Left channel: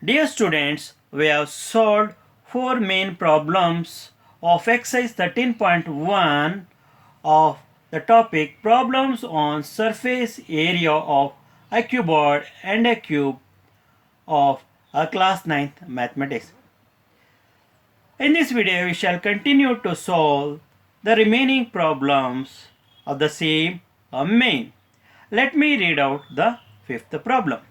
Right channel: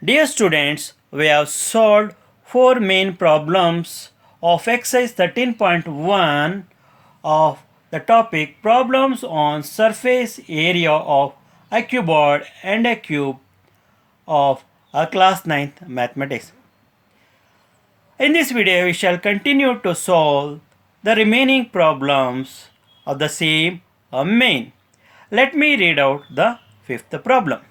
Dear students, we have solved four main problems of exercise 13.1 of the topic problems on surface area of a cuboid and a cube of a class 9th mathematics. In this video, we shall continue to solve the remaining problems of the same main. Let me read out the fifth problem.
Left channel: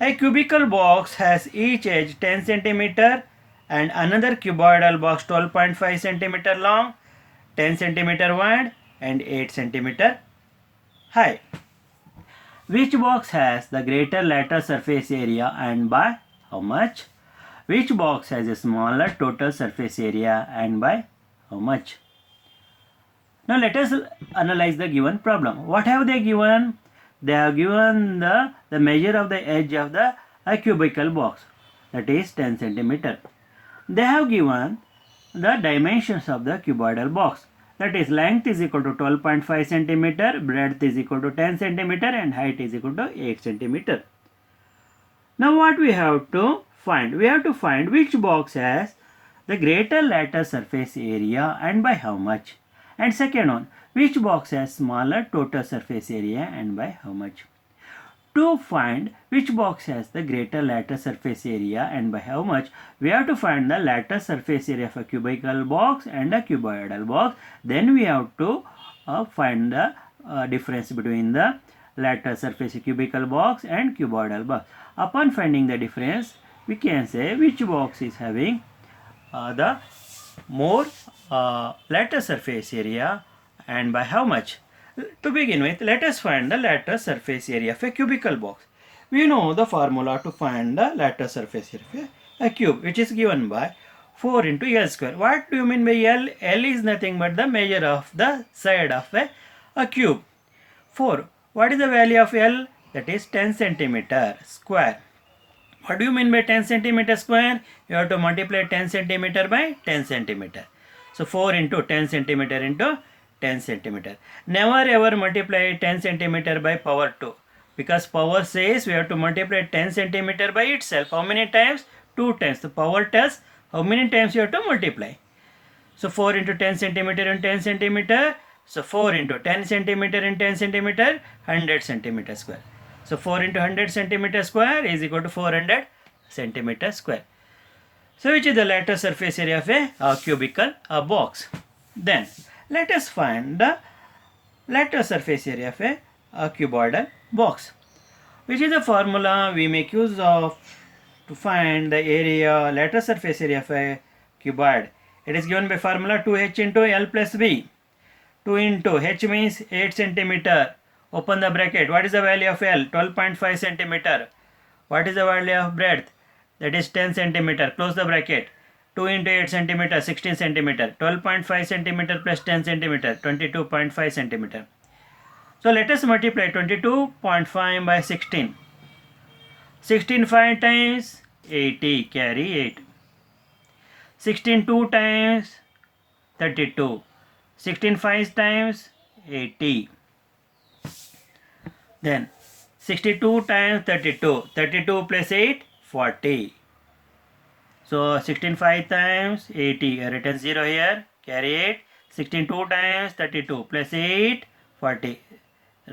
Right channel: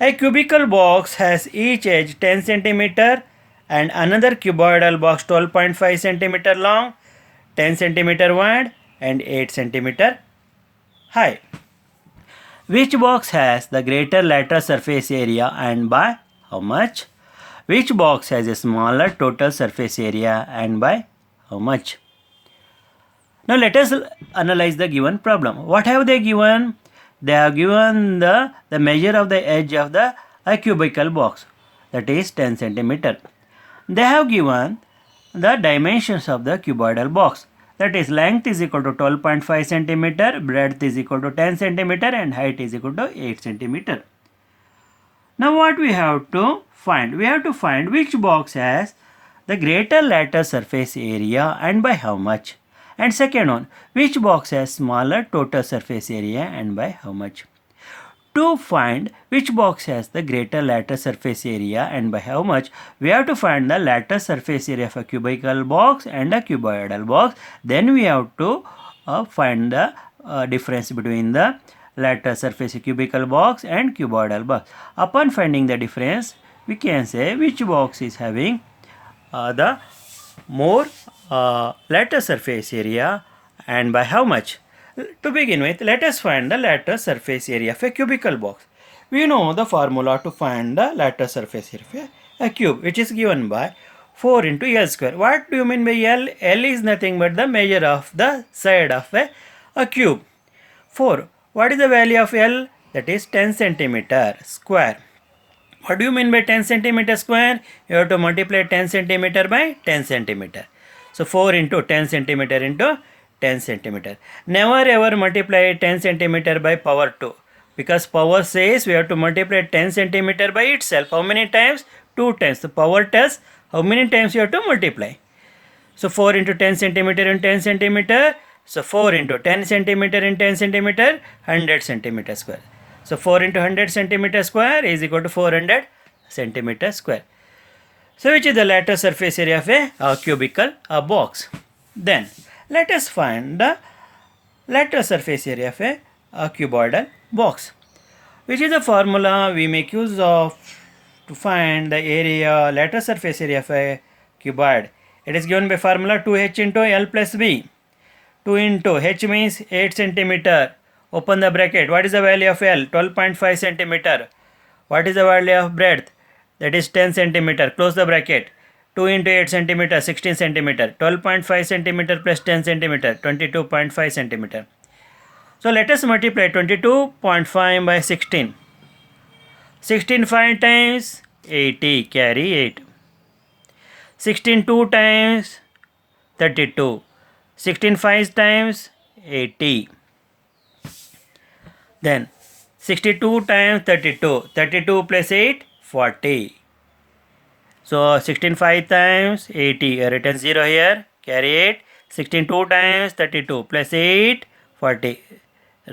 A cubical box has each edge 10 cm and another cuboidal box 12.5 cm long, 10 cm wide and 8 cm high. Which box has the greater lateral surface area and by how much? Which box has a smaller total surface area and by how much? Now let us analyze the given problem. What have they given? They have given the measure of the edge of the cubical box, that is 10 cm. They have given the dimensions of the cuboidal box, that is length is equal to 12.5 cm, breadth is equal to 10 cm and height is equal to 8 cm. Now what we have to find? We have to find which box has the greater lateral surface area and by how much. And second one, which box has smaller total surface area and by how much. To find which box has the greater lateral surface area and by how much, we have to find the lateral surface area of a cubical box and a cuboidal box. Then we have to find the difference between the lateral surface cubical box and cuboidal box. Upon finding the difference, we can say which box is having the more lateral surface area and by how much. To begin with, let us find the lateral surface area of a cubical box. We know the formula to find the lateral surface area of a cube, which is given by 4 into L square. What do you mean by L? L is nothing but the measure of the side of a cube. 4. What is the value of L? That is 10 centimeter square. What do you mean by 10 centimeter square? You have to multiply 10 centimeter by 10 centimeter. So 4 into 10 centimeter into 10 centimeter. Never ever multiply 10 centimeter by power 2, because power says we have to multiply 10 centimeter by itself. How many times? 2 times. The power tells how many times you have to multiply. So 4 into 10 centimeter and 10 centimeter. So 4 into 10 centimeter and 10 centimeter, 100 centimeter square. So 4 into 100 centimeter square is equal to 400 centimeter square. So which is the lateral surface area of a cubical box. Then let us find the lateral surface area of a cuboidal box. Which is the formula we make use of to find the area, lateral surface area of a cuboid. It is given by formula 2h into L plus B. 2 into h means 8 centimeter. Open the bracket. What is the value of L? 12.5 centimeter. What is the value of breadth? That is 10 centimeter. Close the bracket. 2 into 8 centimeter, 16 centimeter. 12.5 centimeter plus 10 centimeter, 22.5 centimeter. So let us multiply 22.5 by 16. 16 5 times 80, carry 8. 16 2 times 32. 16 5 times 80. Then 62 times 32. 32 plus 8, 40. So 16 5 times 80. Written 0 here. Carry 8. 16 2 times 32 plus 8, 40.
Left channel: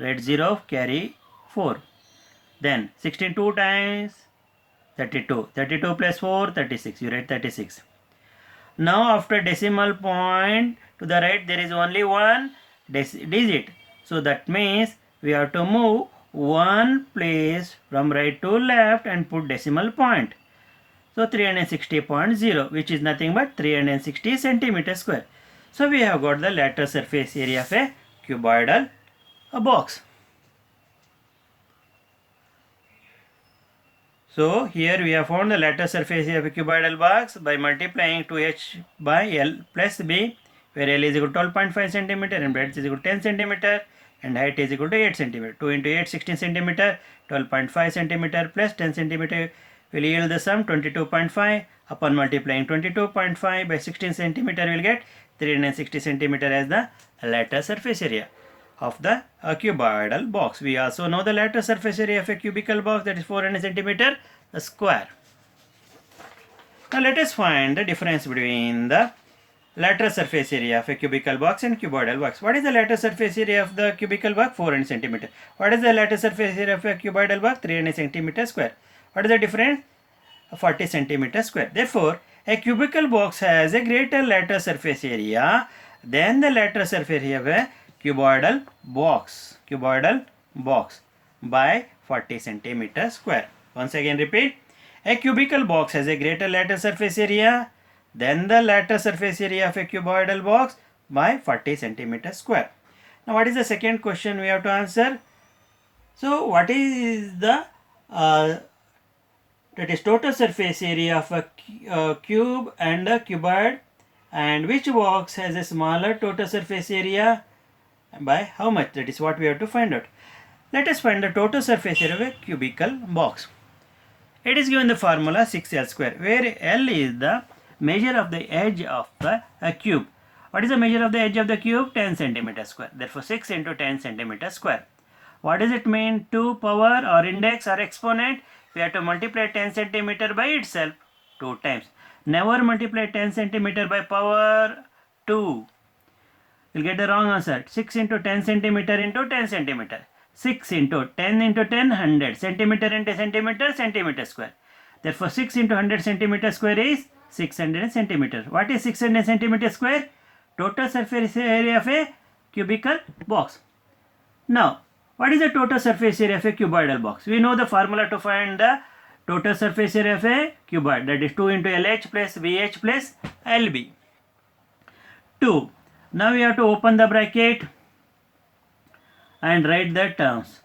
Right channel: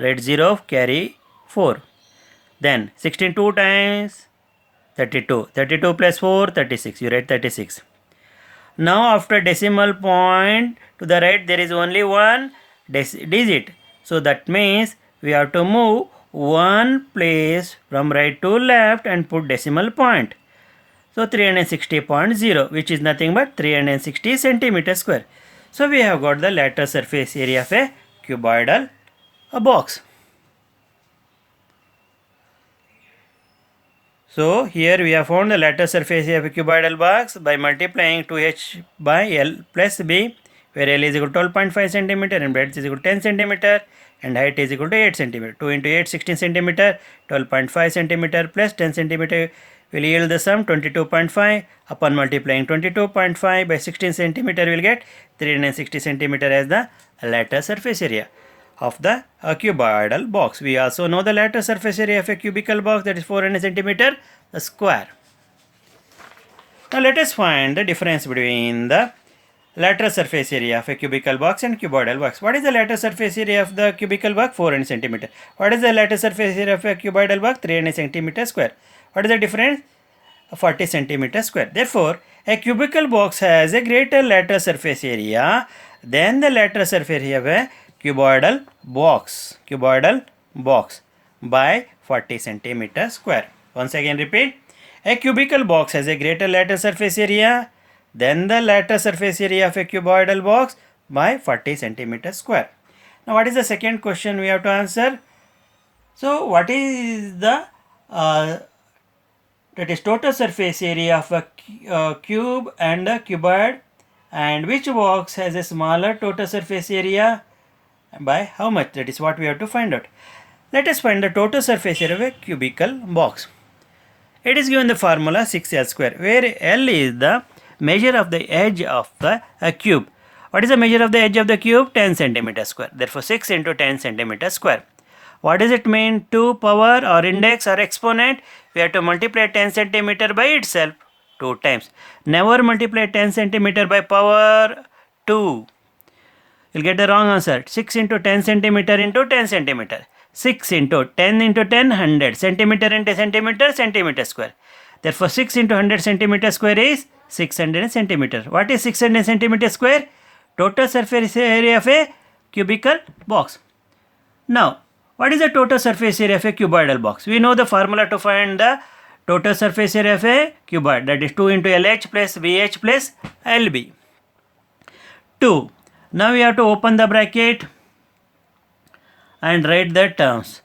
Write 0. Carry 4. Then 16 2 times 32. 32 plus 4, 36. You write 36. Now after decimal point to the right there is only one digit. So that means we have to move one place from right to left and put decimal point. So 360.0, which is nothing but 360 centimeter square. So we have got the lateral surface area of a cuboidal box. So here we have found the lateral surface area of a cuboidal box by multiplying 2h by L plus B, where L is equal to 12.5 centimeter and breadth is equal to 10 centimeter and height is equal to 8 centimeter. 2 into 8, 16 centimeter, 12.5 centimeter plus 10 centimeter will yield the sum 22.5. Upon multiplying 22.5 by 16 centimeter, we will get 360 centimeter as the lateral surface area of the cuboidal box. We also know the lateral surface area of a cubical box, that is 400 centimeter square. Now let us find the difference between the lateral surface area of a cubical box and cuboidal box. What is the lateral surface area of the cubical box? 400 centimeter. What is the lateral surface area of a cuboidal box? 300 centimeter square. What is the difference? 40 centimeter square. Therefore, a cubical box has a greater lateral surface area than the lateral surface area of a cuboidal box. Cuboidal box by 40 centimeter square. Once again repeat. A cubical box has a greater lateral surface area than the lateral surface area of a cuboidal box by 40 centimeter square. Now what is the second question we have to answer? So what is the that is total surface area of a cube and a cuboid, and which box has a smaller total surface area by how much? That is what we have to find out. Let us find the total surface area of a cubical box. It is given the formula 6L square, where L is the measure of the edge of the cube. What is the measure of the edge of the cube? 10 centimeter square. Therefore 6 into 10 centimeter square. What does it mean? 2 power or index or exponent? We have to multiply 10 centimeter by itself 2 times. Never multiply 10 centimeter by power 2. You'll get the wrong answer. 6 into 10 centimeter into 10 centimeter. 6 into 10 into 10, 100. Centimeter into centimeter, centimeter square. Therefore 6 into 100 centimeter square is 600 centimeter. What is 600 centimeter square? Total surface area of a cubical box. Now, what is the total surface area of a cuboidal box? We know the formula to find the total surface area of a cuboid, that is 2 into LH plus BH plus LB. 2. Now we have to open the bracket and write the terms.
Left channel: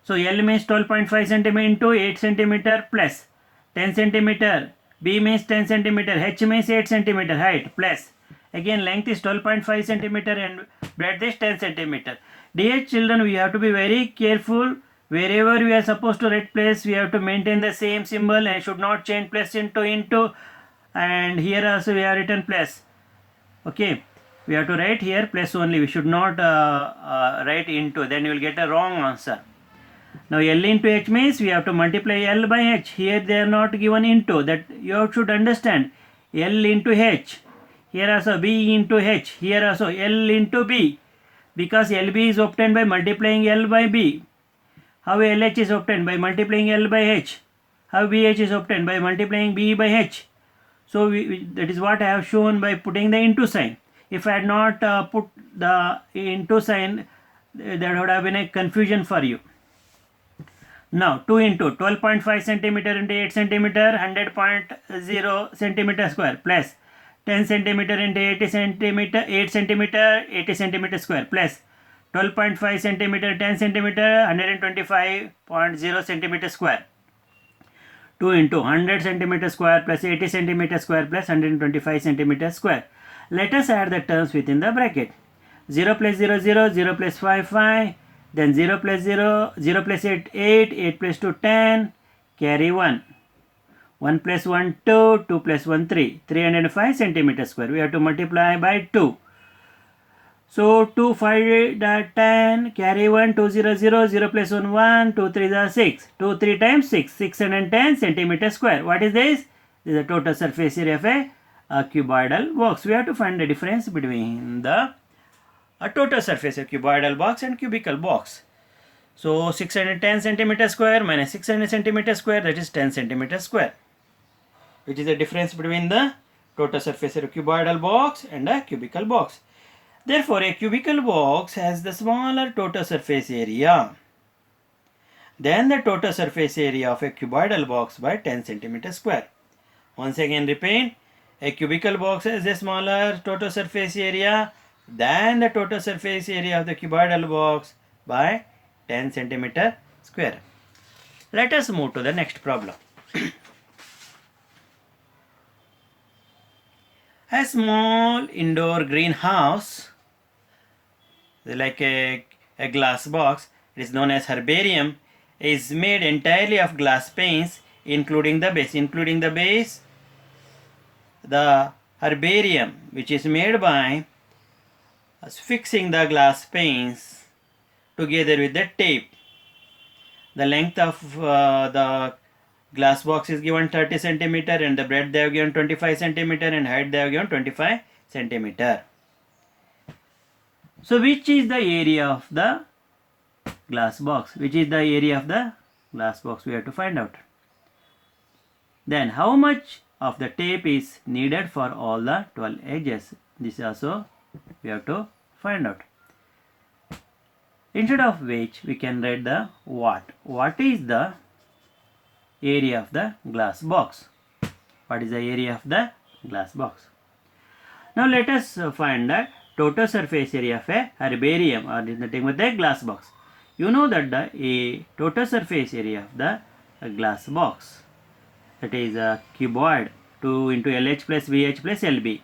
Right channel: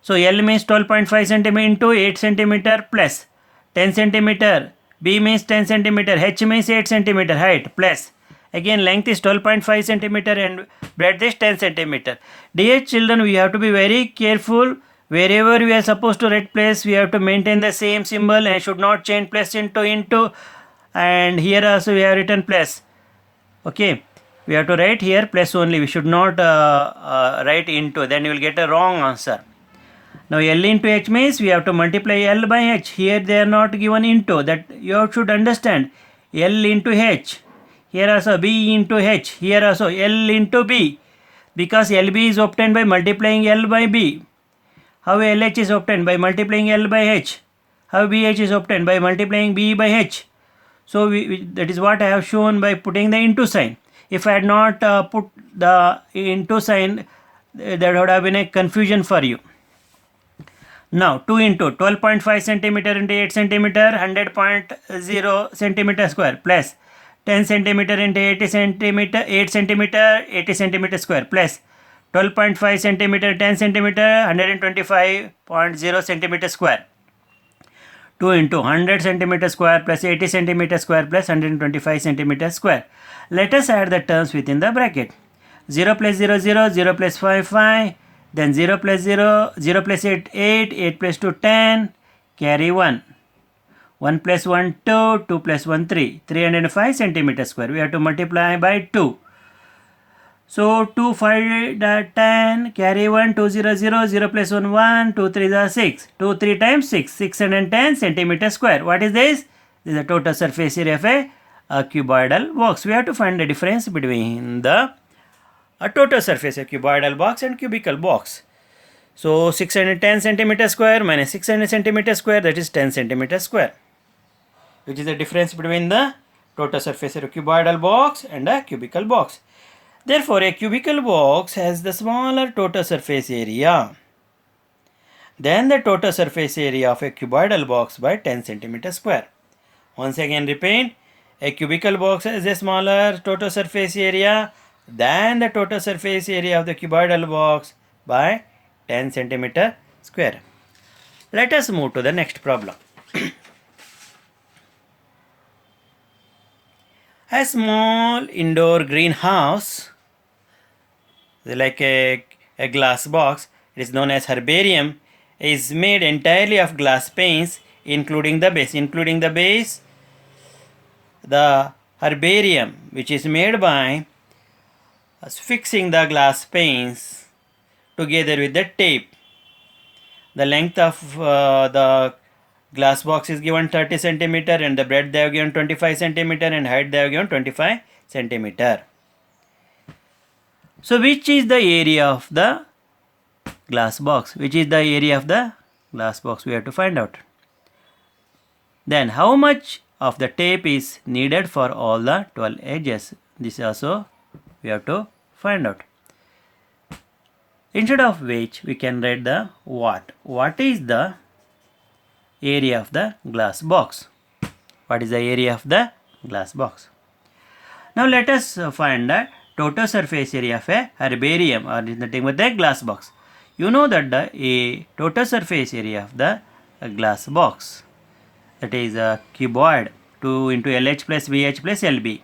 So L means 12.5 centimeter into 8 centimeter plus 10 centimeter. B means 10 centimeter. H means 8 centimeter height plus. Again length is 12.5 centimeter and breadth is 10 centimeter. Dear children, we have to be very careful. Wherever we are supposed to write plus, we have to maintain the same symbol and should not change plus into. And here also we have written plus. Okay, we have to write here plus only. We should not write into. Then you will get a wrong answer. Now L into H means we have to multiply L by H. Here they are not given into. That you should understand. L into H. Here also B into H. Here also L into B. Because LB is obtained by multiplying L by B. How LH is obtained? By multiplying L by H. How BH is obtained? By multiplying B by H. So that is what I have shown by putting the into sign. If I had not put the into sign, there would have been a confusion for you. Now 2 into 12.5 centimeter into 8 centimeter, 100.0 centimeter square plus 10 centimeter into 80 centimeter, 8 centimeter, 80 centimeter square plus 12.5 centimeter, 10 centimeter, 125.0 centimeter square. 2 into 100 centimeter square plus 80 centimeter square plus 125 centimeter square. Let us add the terms within the bracket. 0 plus 0, 0, 0 plus 5, 5. Then 0 plus 0, 0 plus 8, 8, 8 plus 2, 10, carry 1. 1 plus 1, 2, 2 plus 1, 3. 305 centimeter square. We have to multiply by 2. So 2, 5, 10, carry 1, 2, 0, 0, 0 plus 1, 1, 2, 3 is 6. 2, 3 times 6, 610 centimeter square. What is this? This is the total surface area of a cuboidal box. We have to find the difference between the total surface of cuboidal box and cubical box. So 610 centimeter square minus 600 centimeter square, that is 10 centimeter square, which is the difference between the total surface area of cuboidal box and a cubical box. Therefore, a cubical box has the smaller total surface area than the total surface area of a cuboidal box by 10 centimeter square. Once again repeat, a cubical box has a smaller total surface area than the total surface area of the cuboidal box by 10 centimeter square. Let us move to the next problem. A small indoor greenhouse, like a glass box, it is known as herbarium, is made entirely of glass panes, including the base. The herbarium, which is made by fixing the glass panes together with the tape. The length of the glass box is given 30 centimeter and the breadth they have given 25 centimeter and height they have given 25 centimeter. So which is the area of the glass box? Which is the area of the glass box? We have to find out. Then how much of the tape is needed for all the 12 edges? This also we have to find out. Instead of which we can write the what. What is the area of the glass box? What is the area of the glass box? Now let us find the total surface area of a herbarium or nothing but the glass box. You know that the total surface area of the glass box, that is a cuboid, 2 into LH plus VH plus LB.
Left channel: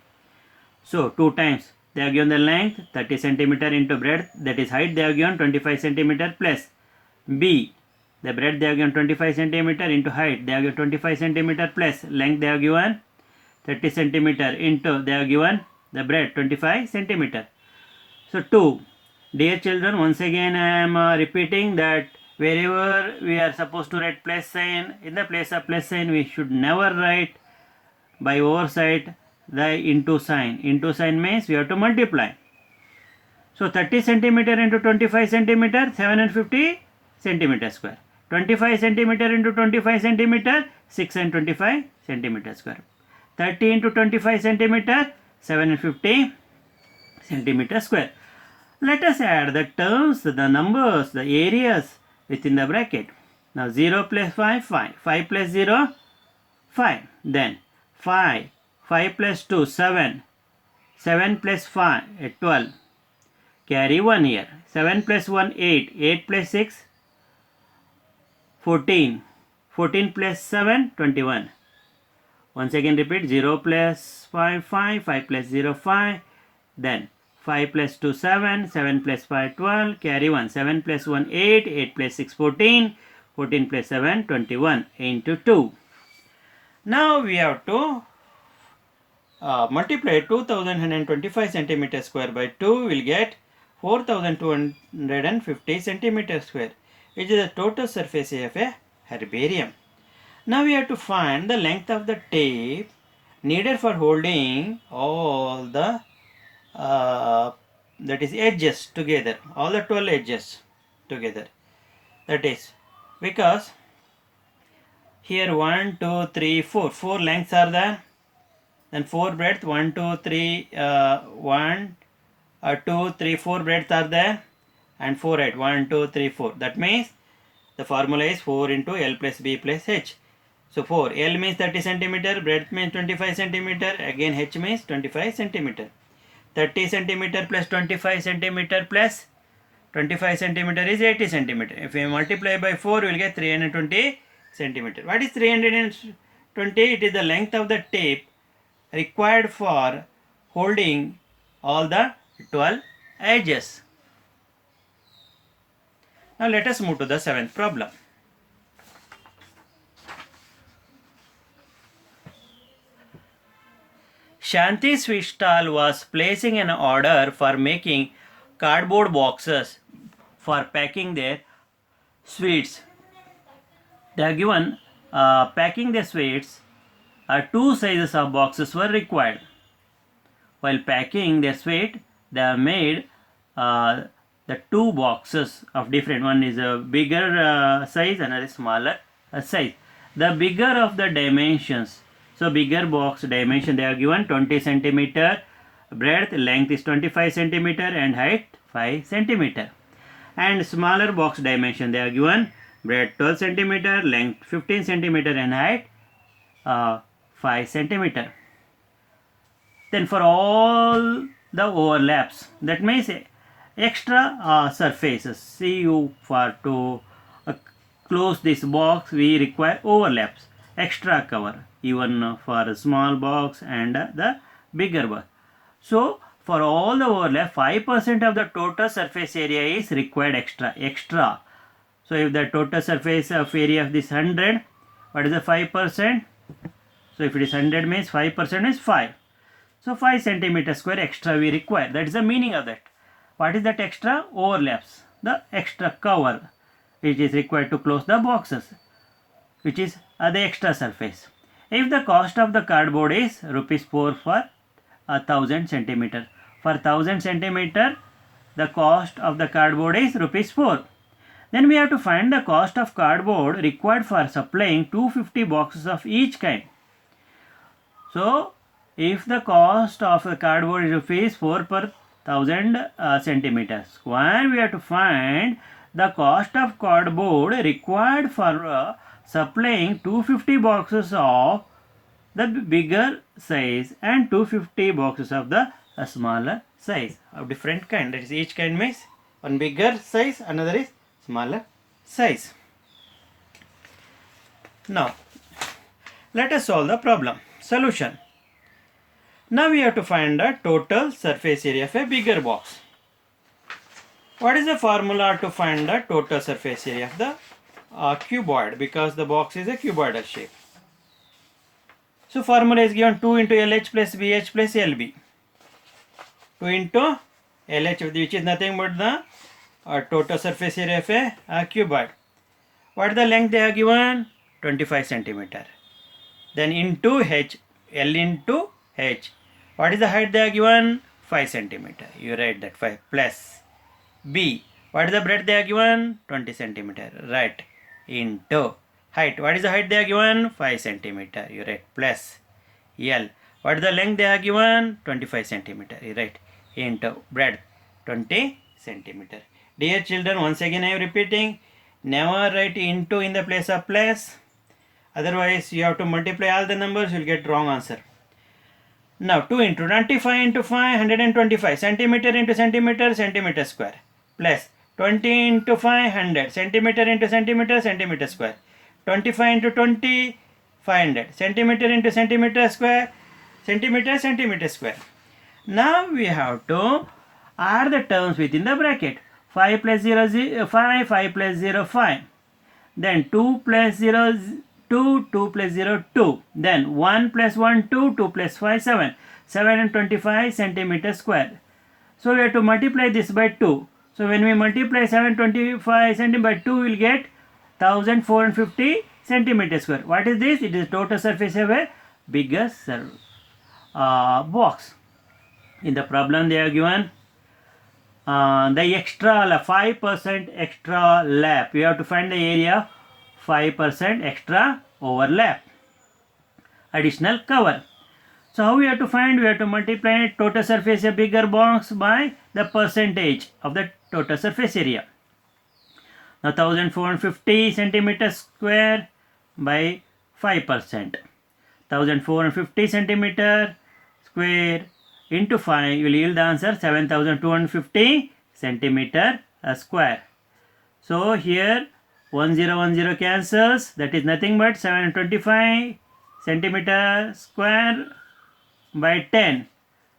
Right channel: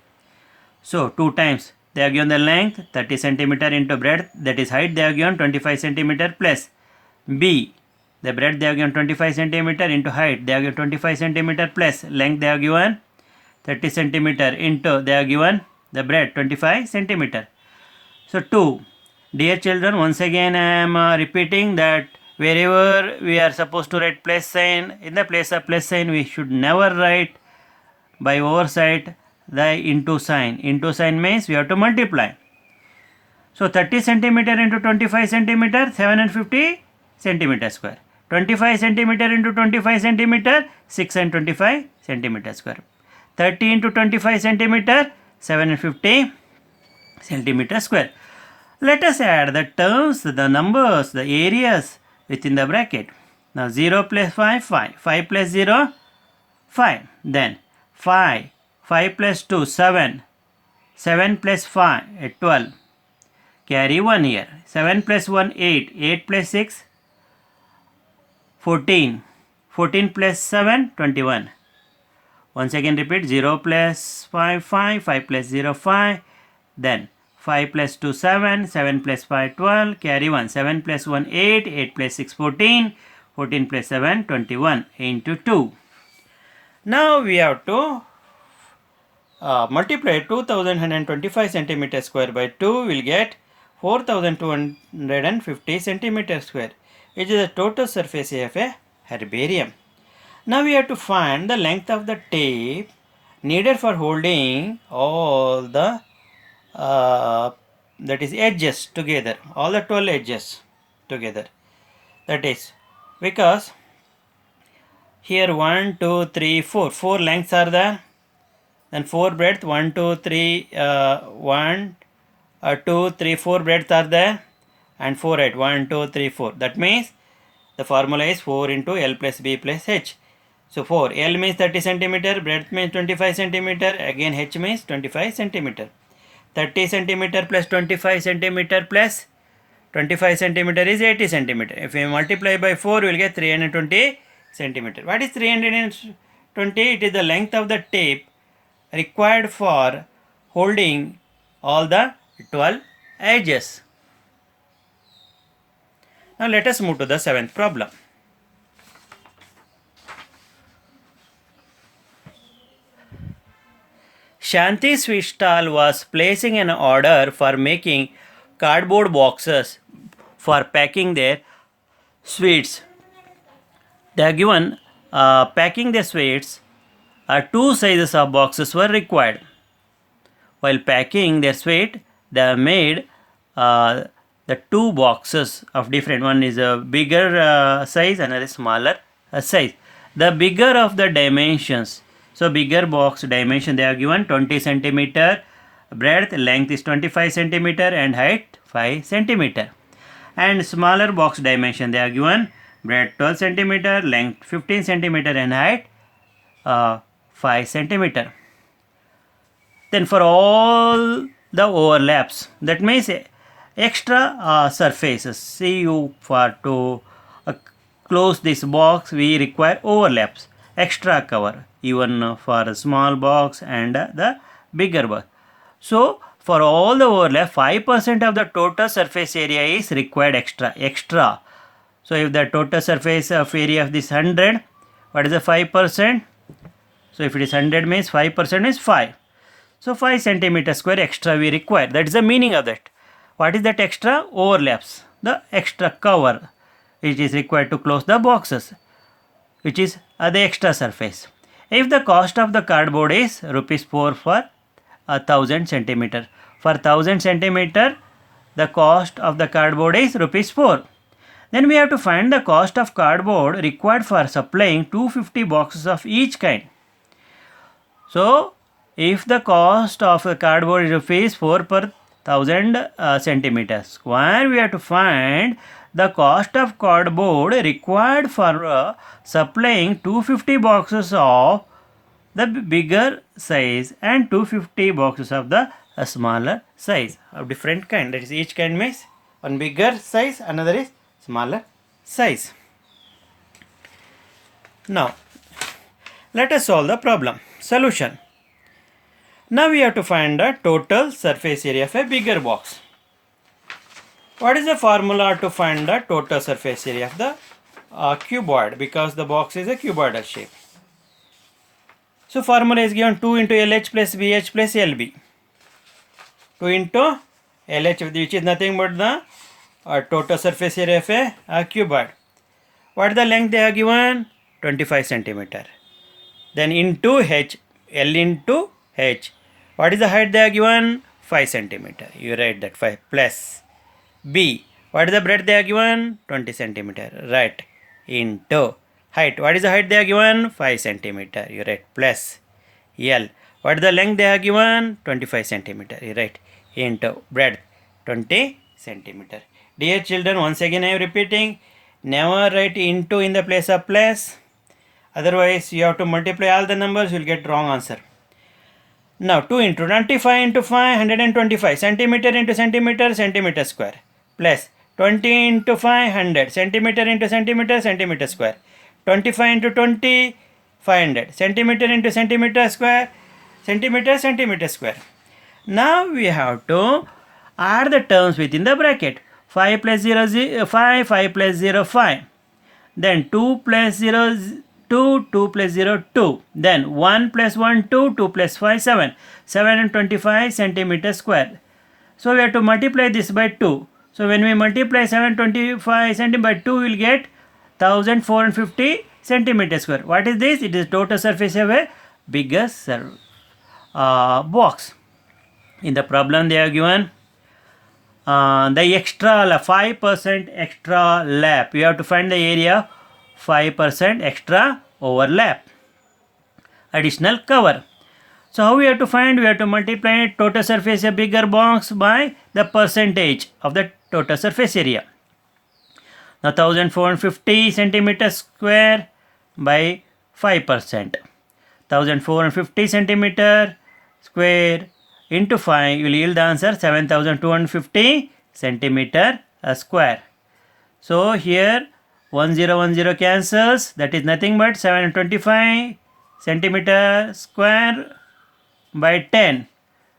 So 2 times they have given the length 30 centimeter into breadth, that is height they have given 25 centimeter plus B, the breadth they have given 25 centimeter into height they have given 25 centimeter plus length they have given 30 centimeter into they have given the breadth 25 centimeter. So 2. Dear children, once again I am repeating that wherever we are supposed to write plus sign, in the place of plus sign we should never write by oversight the into sign. Into sign means we have to multiply. So 30 centimeter into 25 centimeter, 750 centimeter square. 25 centimeter into 25 centimeter, 625 centimeter square. 30 into 25 centimeter, 750 centimeter square. Let us add the terms, the numbers, the areas within the bracket. Now 0 plus 5, 5. 5 plus 0, 5. Then 5. 5 plus 2, 7. 7 plus 5, 12. Carry 1 here. 7 plus 1, 8. 8 plus 6, 14. 14 plus 7, 21. Once again repeat, 0 plus 5, 5. 5 plus 0, 5. Then 5 plus 2, 7. 7 plus 5, 12. Carry 1. 7 plus 1, 8. 8 plus 6, 14. 14 plus 7, 21 into 2. Now we have to multiply 2125 centimeter square by 2, will get 4250 centimeter square, which is the total surface area of a herbarium. Now we have to find the length of the tape needed for holding all the that is edges together, all the 12 edges together. That is because here 1, 2, 3, 4. 4 lengths are there. Then 4 breadth, 1, 2, 3, 1, 2, 3, 4 breadths are there, and 4 height, 1, 2, 3, 4. That means the formula is 4 into L plus B plus H. So 4, L means 30 centimeter, breadth means 25 centimeter, again H means 25 centimeter. 30 centimeter plus 25 centimeter plus 25 centimeter is 80 centimeter. If we multiply by 4, we will get 320 centimeter. What is 320? It is the length of the tape required for holding all the 12 edges. Now let us move to the 7th problem. Shanti sweet stall was placing an order for making cardboard boxes for packing their sweets. They are given packing the sweets. 2 sizes of boxes were required. While packing their sweet, they have made the 2 boxes of different. One is a bigger size, another is smaller size. The bigger of the dimensions. So bigger box dimension they have given 20 centimeter breadth, length is 25 centimeter and height 5 centimeter. And smaller box dimension they have given breadth 12 centimeter, length 15 centimeter and height 5 centimeter. Then for all the overlaps, that means extra surfaces, see you for to close this box we require overlaps, extra cover, even for a small box and the bigger box. So for all the overlap, 5% of the total surface area is required extra. So if the total surface of area of this 100, what is the 5%? So if it is 100 means 5% is 5. So 5 centimeter square extra we require. That is the meaning of that. What is that extra? Overlaps. The extra cover which is required to close the boxes, which is the extra surface. If the cost of the cardboard is rupees 4 for 1000 centimeter, for 1000 centimeter the cost of the cardboard is rupees 4. Then we have to find the cost of cardboard required for supplying 250 boxes of each kind. So if the cost of the cardboard is rupees 4 per 1000 centimeters square, we have to find the cost of cardboard required for supplying 250 boxes of the bigger size and 250 boxes of the smaller size of different kind. That is, each kind means one bigger size, another is smaller size. Now let us solve the problem. Solution. Now we have to find the total surface area of a bigger box. What is the formula to find the total surface area of the cuboid, because the box is a cuboidal shape? So formula is given 2 into LH plus BH plus LB. 2 into LH, which is nothing but the total surface area of a cuboid. What is the length they are given? 25 centimeter. Then into H, L into H. What is the height they are given? 5 centimeter. You write that 5 plus B. What is the breadth they are given? 20 centimeter. Right. Into height. What is the height they are given? 5 centimeter. You write plus L. What is the length they are given? 25 centimeter. You write into breadth 20 centimeter. Dear children, once again I am repeating, never write into in the place of plus. Otherwise you have to multiply all the numbers, you will get wrong answer. Now 2 into 25 into 5, 125 centimeter into centimeter, centimeter square, plus 20 into 500 centimeter into centimeter, centimeter square, 25 into 20, 500 centimeter into centimeter square, centimeter, centimeter square. Now we have to add the terms within the bracket. 5 plus 0, 5, 5 plus 0, 5. Then 2 plus 0, 2, 2 plus 0, 2. Then 1 plus 1, 2, 2 plus 5, 7. 725 centimeter square. So we have to multiply this by 2. So when we multiply 725 centimeter by 2, we will get 1450 centimeter square. What is this? It is total surface of a bigger box. In the problem they are given the extra 5% extra lap. You have to find the area 5% extra overlap, additional cover. So how we have to find? We have to multiply total surface area bigger box by the percentage of the total surface area. Now 1450 centimeter square by 5%. 1450 centimeter square into 5 will yield the answer 7250 centimeter square. So here 1010 cancels, that is nothing but 725 centimeter square by 10.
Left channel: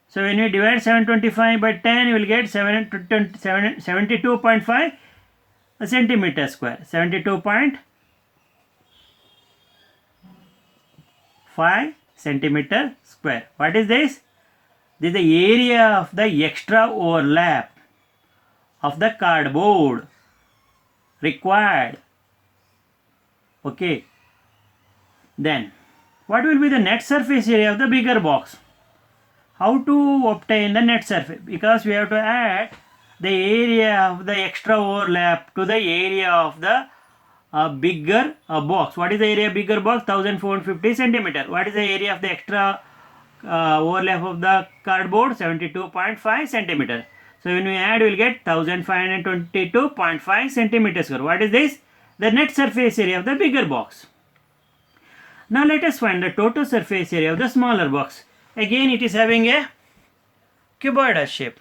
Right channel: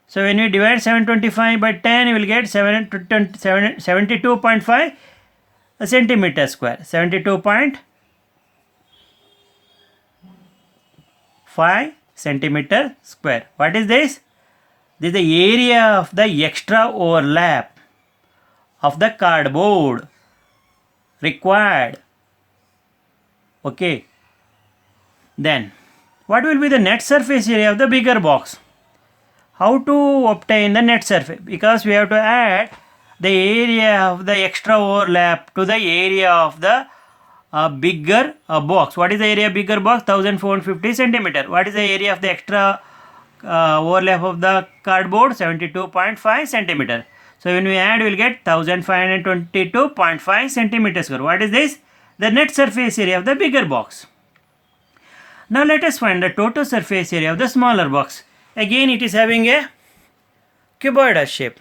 So when you divide 725 by 10, you will get 72.5 centimeter square. 72.5 centimeter square. What is this? This is the area of the extra overlap of the cardboard required. Okay. Then what will be the net surface area of the bigger box? How to obtain the net surface? Because we have to add the area of the extra overlap to the area of the bigger box. What is the area of bigger box? 1450 centimeter. What is the area of the extra overlap of the cardboard? 72.5 centimeter. So when we add, we will get 1522.5 centimeter square. What is this? The net surface area of the bigger box. Now let us find the total surface area of the smaller box. Again it is having a cuboidal shape.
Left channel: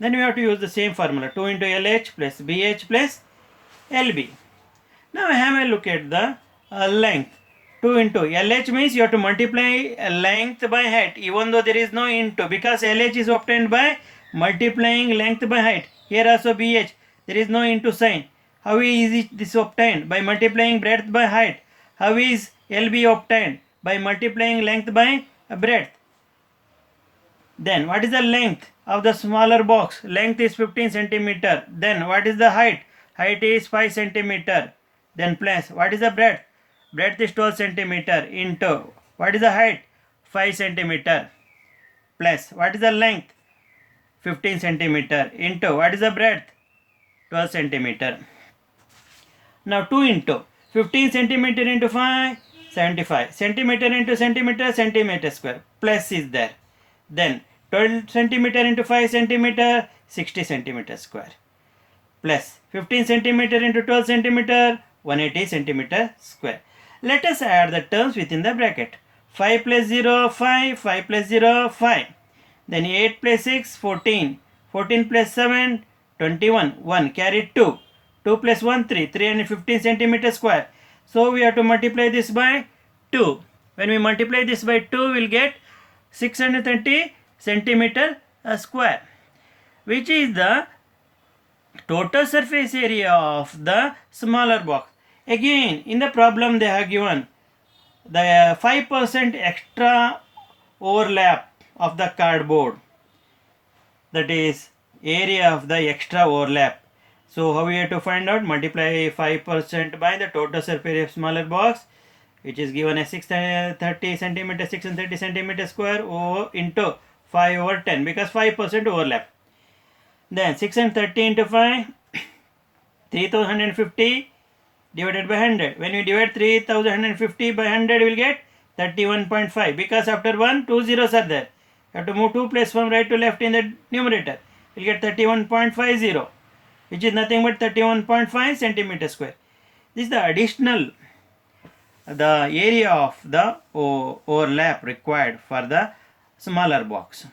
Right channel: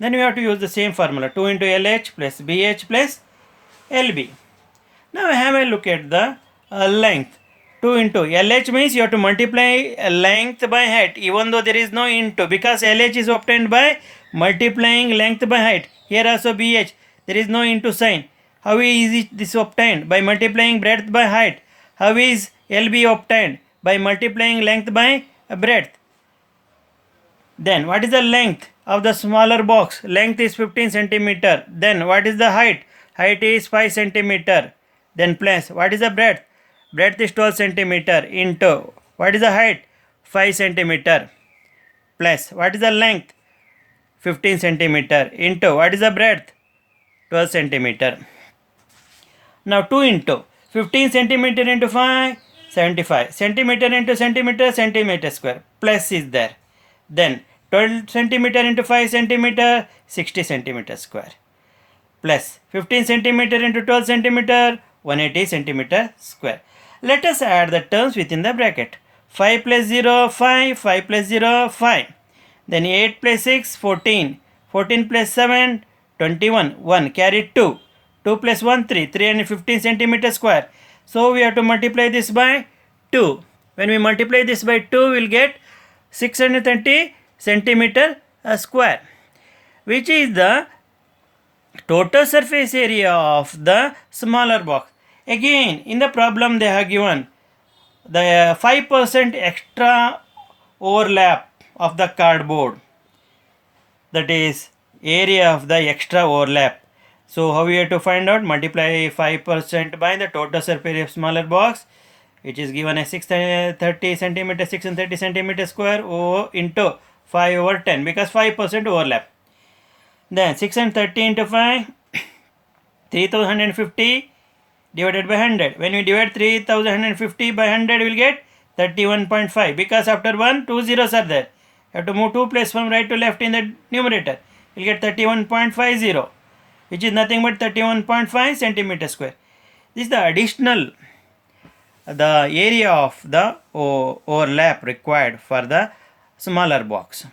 Then we have to use the same formula, 2 into LH plus BH plus LB. Now have a look at the length. 2 into LH means you have to multiply length by height, even though there is no into, because LH is obtained by multiplying length by height. Here also BH, there is no into sign. How is this obtained? By multiplying breadth by height. How is LB obtained? By multiplying length by breadth. Then what is the length of the smaller box? Length is 15 centimeter. Then what is the height? Height is 5 centimeter. Then plus what is the breadth? breadth is 12 centimeter into what is the height? 5 centimeter plus what is the length? 15 centimeter into what is the breadth? 12 centimeter. Now 2 into 15 centimeter into 5, 75 centimeter into centimeter square, plus is there. Then 12 centimeter into 5 centimeter, 60 centimeter square, plus 15 centimeter into 12 centimeter, 180 centimeter square. Let us add the terms within the bracket. 5 plus 0, 5, 5 plus 0, 5. Then 8 plus 6, 14. 14 plus 7, 21. 1 carry 2. 2 plus 1, 3. 315 centimeter square. So we have to multiply this by 2. When we multiply this by 2, we will get 630 centimeter square, which is the total surface area of the smaller box. Again, in the problem they have given the 5% extra overlap of the cardboard, that is area of the extra overlap. So how we have to find out? Multiply 5% by the total surface area of smaller box, which is given as 630 centimeter, 630 centimeter square into 5 over 10, because 5% overlap. Then 630 into 5, 3150 divided by 100. When we divide 3150 by 100, we will get 31.5, because after 1, 2 zeros are there. You have to move 2 places from right to left in the numerator. You will get 31.50, which is nothing but 31.5 centimeter square. This is the additional, the area of the overlap required for the smaller box.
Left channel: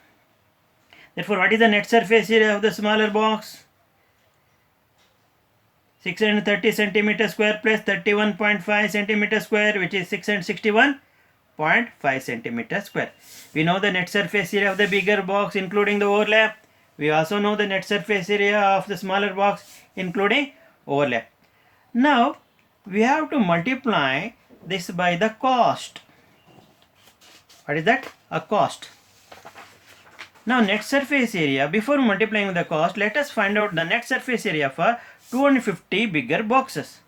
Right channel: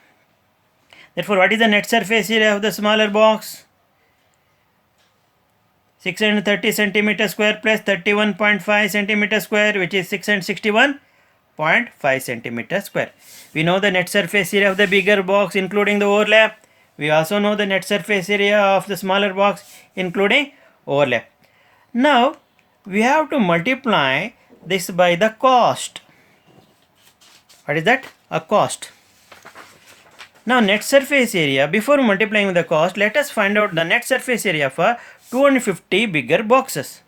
Therefore, what is the net surface area of the smaller box? 630 centimeter square plus 31.5 centimeter square, which is 661.5 centimeter square. We know the net surface area of the bigger box including the overlap. We also know the net surface area of the smaller box including overlap. Now we have to multiply this by the cost. What is that? A cost. Now net surface area, before multiplying the cost, let us find out the net surface area for 250 bigger boxes.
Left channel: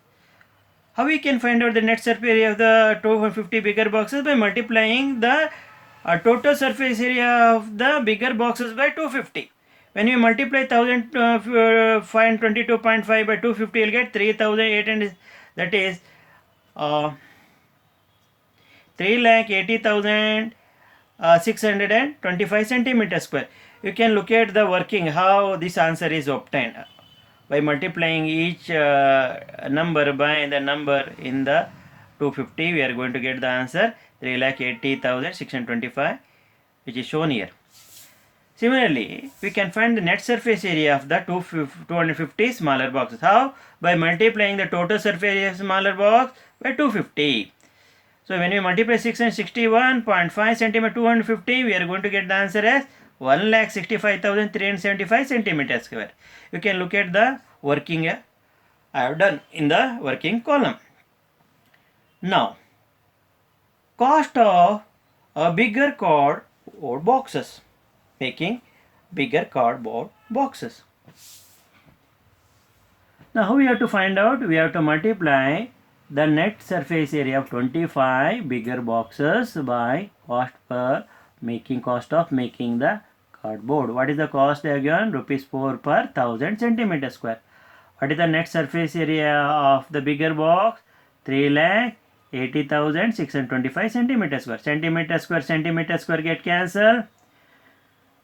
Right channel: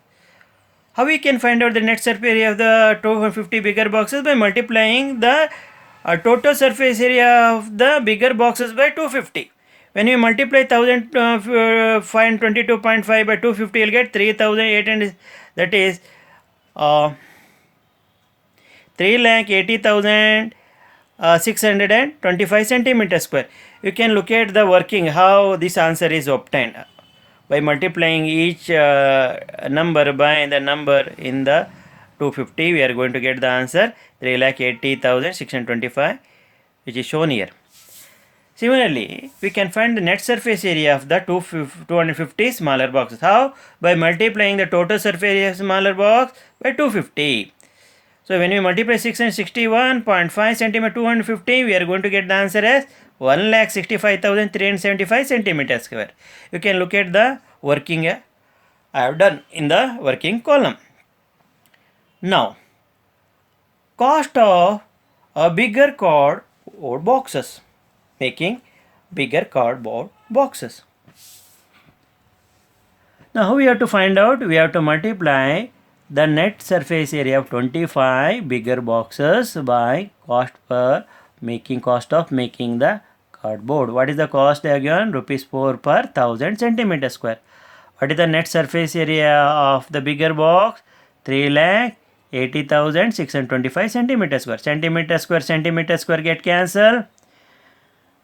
How we can find out the net surface area of the 250 bigger boxes? By multiplying the total surface area of the bigger boxes by 250. When we multiply 1522.5 by 250, you will get 3800, that is 3,80,625 centimeter square. You can look at the working, how this answer is obtained. By multiplying each number by the number in the 250, we are going to get the answer 3,80,625, which is shown here. Similarly, we can find the net surface area of the 250 smaller boxes. How? By multiplying the total surface area of smaller box by 250. So when we multiply 661.5 centimeter 250, we are going to get the answer as 1,65,375 centimeter square. You can look at the working I have done in the working column. Now, cost of a bigger cardboard boxes. Making bigger cardboard boxes. Now how we have to find out? We have to multiply the net surface area of 25 bigger boxes by cost of making the cardboard. What is the cost again? Rupees 4 per 1000 centimeter square. What is the net surface area of the bigger box? 3,80,625 centimeter square. Centimeter square get cancelled.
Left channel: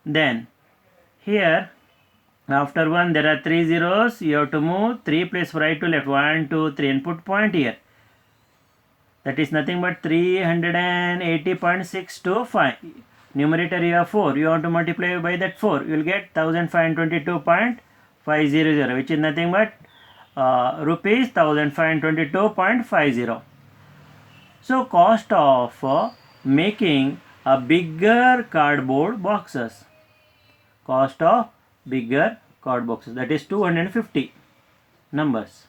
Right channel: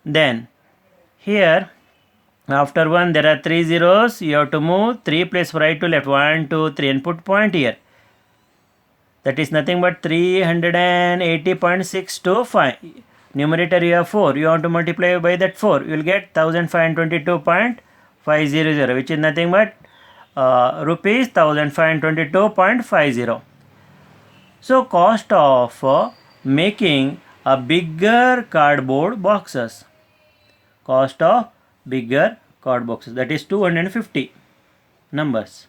Then here after 1 there are 3 zeros. You have to move 3 places from right to left. 1, 2, 3 and put point here. That is nothing but 380.625. Numerator you have 4. You want to multiply by that 4. You will get 1522.500, which is nothing but rupees 1522.50. So cost of making a bigger cardboard boxes. Cost of bigger cardboard boxes, that is 250 numbers.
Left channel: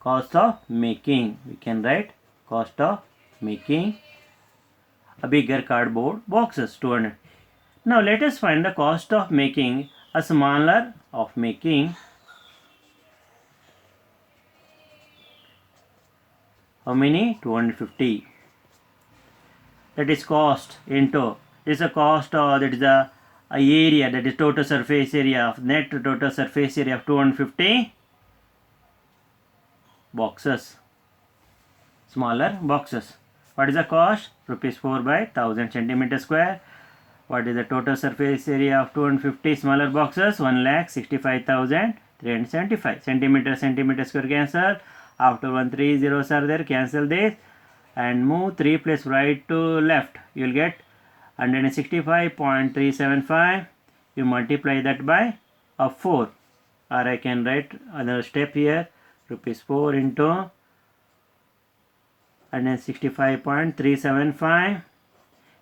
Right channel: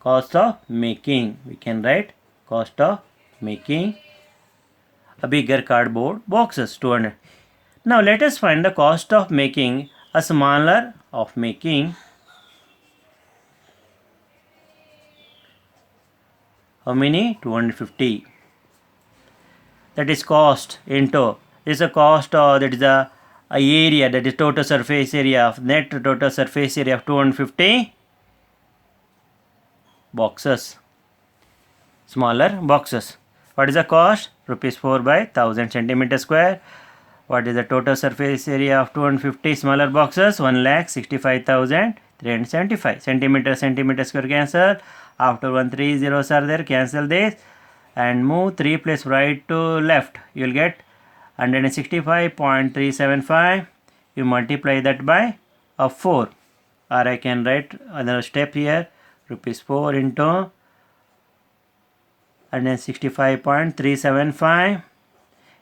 Cost of making, we can write cost of making a bigger cardboard boxes, 200. Now let us find the cost of making a smaller how many? 250. That is cost into, this is a cost, that is the area, that is total surface area of net total surface area of 250 boxes, smaller boxes. What is the cost? Rupees 4 by 1000 centimeter square. What is the total surface area of 250 smaller boxes? 1,65,375 centimeter square. Cancel. After 1 3 zeros are there, cancel this and move 3 place right to left. You will get 165.375. You multiply that by 4, or I can write another step here. Rupees 4 into 165.375.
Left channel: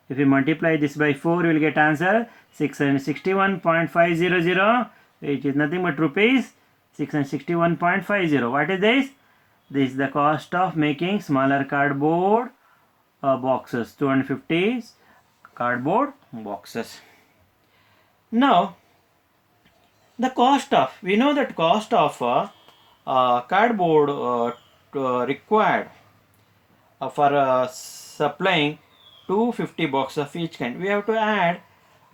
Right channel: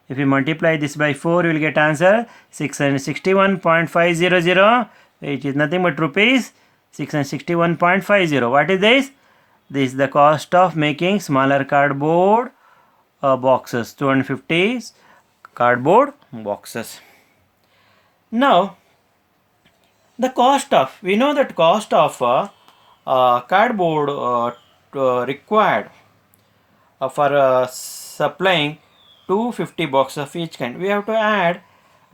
If you multiply this by 4, you will get answer 661.500, which is nothing but rupees 661.50. What is this? This is the cost of making smaller cardboard boxes, 250 cardboard boxes. Now, the cost of, we know that cost of cardboard required for supplying 250 boxes of each kind. We have to add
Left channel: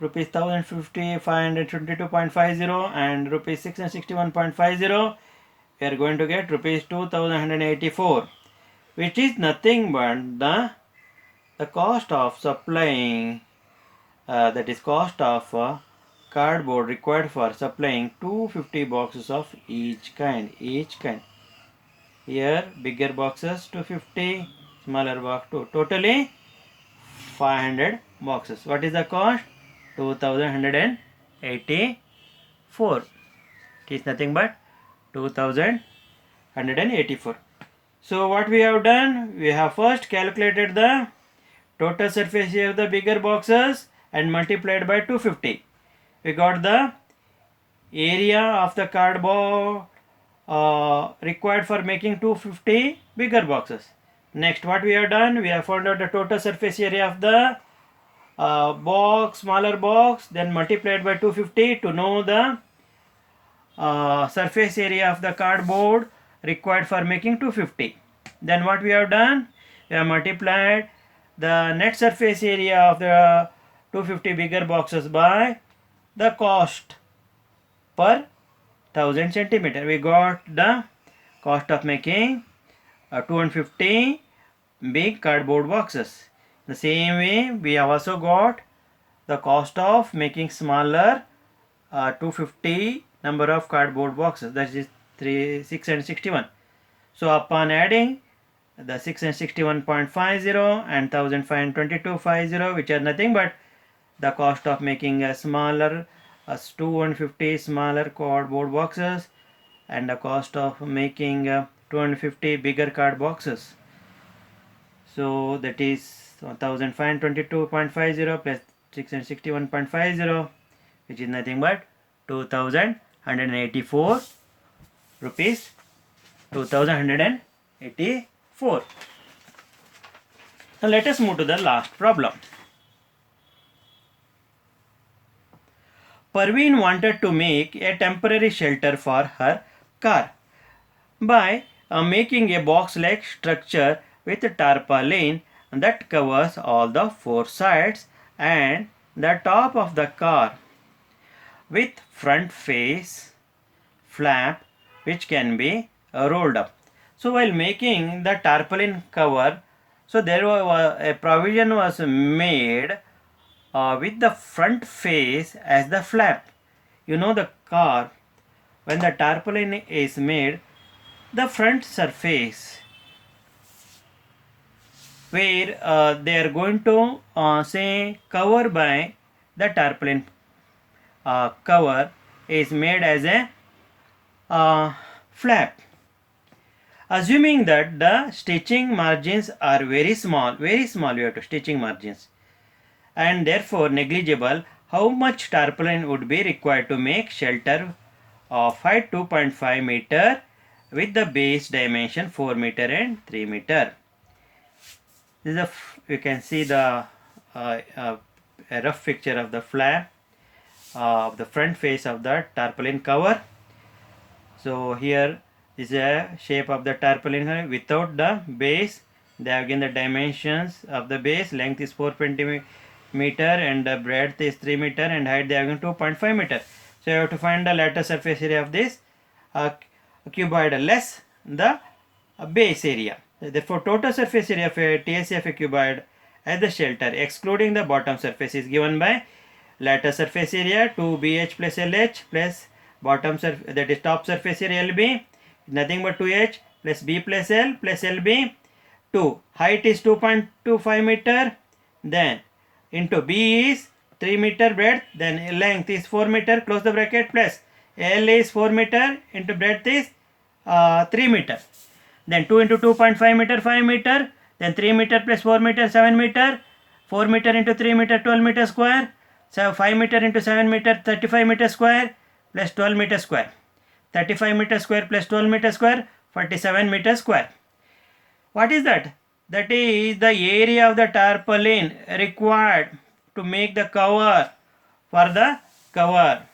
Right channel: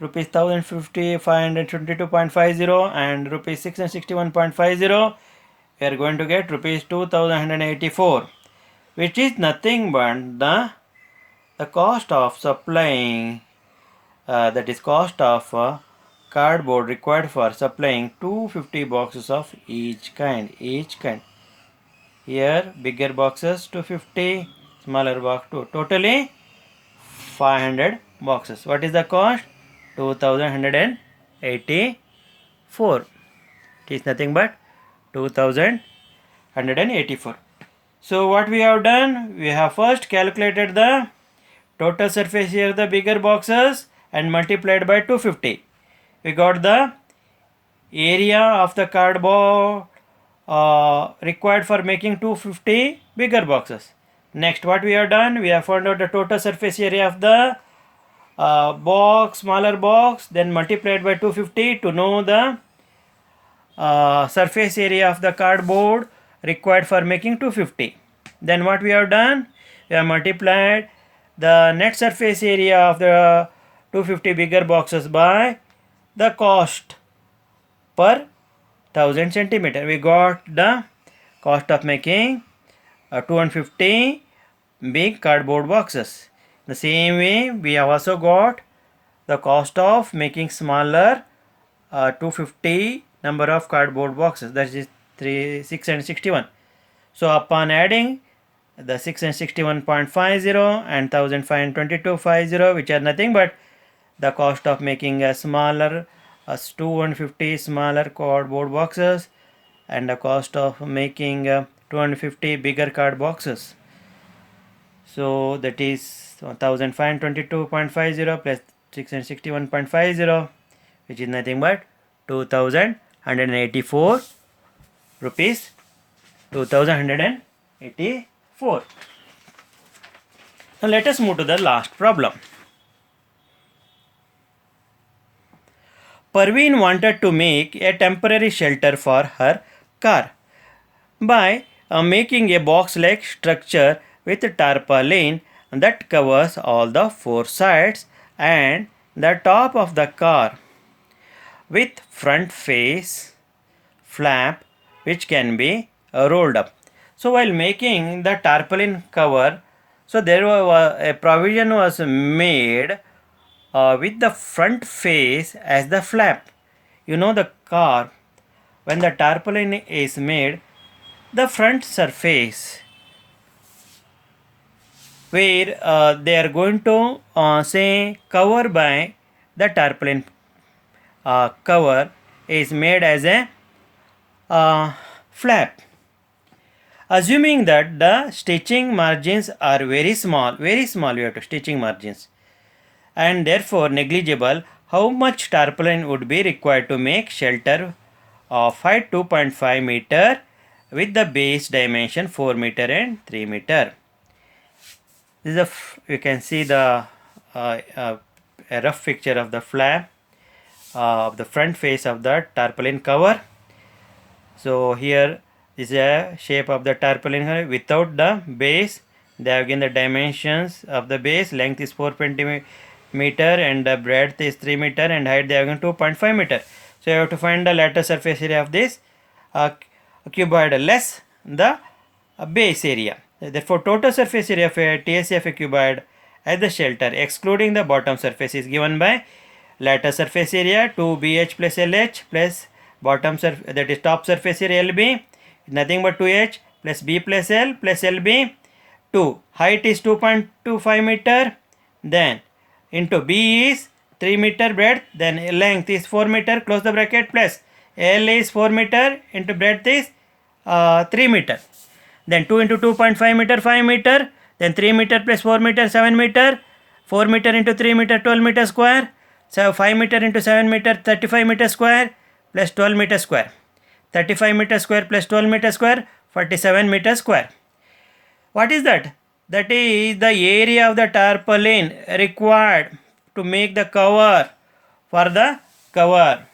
rupees 1050, 522.50 and rupees 661.50. We are going to get rupees 2184, which is nothing but the cost of supplying, that is cost of cardboard required for supplying 250 boxes of each kind. Here bigger boxes 250, smaller box 2, totally 500 boxes. What is the cost? 2184. It is nothing but 2184. So what we have done? We have first calculated the total surface area of the bigger boxes and multiplied by 250. We got the area of the cardboard required for making 250 bigger boxes. Next, what we have done? We have found out the total surface area of the box, smaller box, then multiplied by 250 to know the surface area of the cardboard required for making 250. Then what we have done? We have multiplied the net surface area of the 250 bigger boxes by the cost per 1000 centimeter. We got the cost of making 250 big cardboard boxes. The same way, we have also got the cost of making smaller 250 number of cardboard boxes, that is 661. So upon adding the 661.50 and 1522.50, which are nothing but the cost of making a smaller 250 smaller cardboard boxes and the cost of making 250 bigger card boxes. So that is 1522.50 plus 661.50, which is nothing but 2184 rupees. 2184. Now let us move to the last problem. Parveen wanted to make a temporary shelter for her car by making a box-like structure with a tarpaulin that covers all the 4 sides and the top of the car with front face flap which can be rolled up. So while making the tarpaulin cover, so there was a provision was made with the front face as the flap. You know, the car, when the tarpaulin is made, the front surface where they are going to say cover by the tarpaulin cover is made as a flap. Assuming that the stitching margins are very small, we have to stitching margins, and therefore negligible, how much tarpaulin would be required to make shelter of height 2.5 meter with the base dimension 4 meter and 3 meter. This is you can see the a rough picture of the flap of the front face of the tarpaulin cover. So here This is a shape of the tarpaulin without the base. They have given the dimensions of the base. Length is 4 centimeter and the breadth is 3 meter and height they have given 2.5 meter. So you have to find the lattice surface area of this cuboid less the base area. Therefore, total surface area of a TSA of a cuboid as the shelter excluding the bottom surface is given by lattice surface area 2BH plus LH plus bottom surface, that is top surface area LB, nothing but 2H plus B plus L plus LB. 2 height is 2.25 meter, then into B is 3 meter breadth, then length is 4 meter, close the bracket, plus L is 4 meter into breadth is 3 meter, then 2 into 2.5 meter 5 meter, then 3 meter plus 4 meter 7 meter, 4 meter into 3 meter 12 meter square, so 5 meter into 7 meter 35 meter square plus 12 meter square, 35 meter square plus 12 meter square 47 meter square. What is that? That is the area of the tarpaulin required to make the cover for the cover.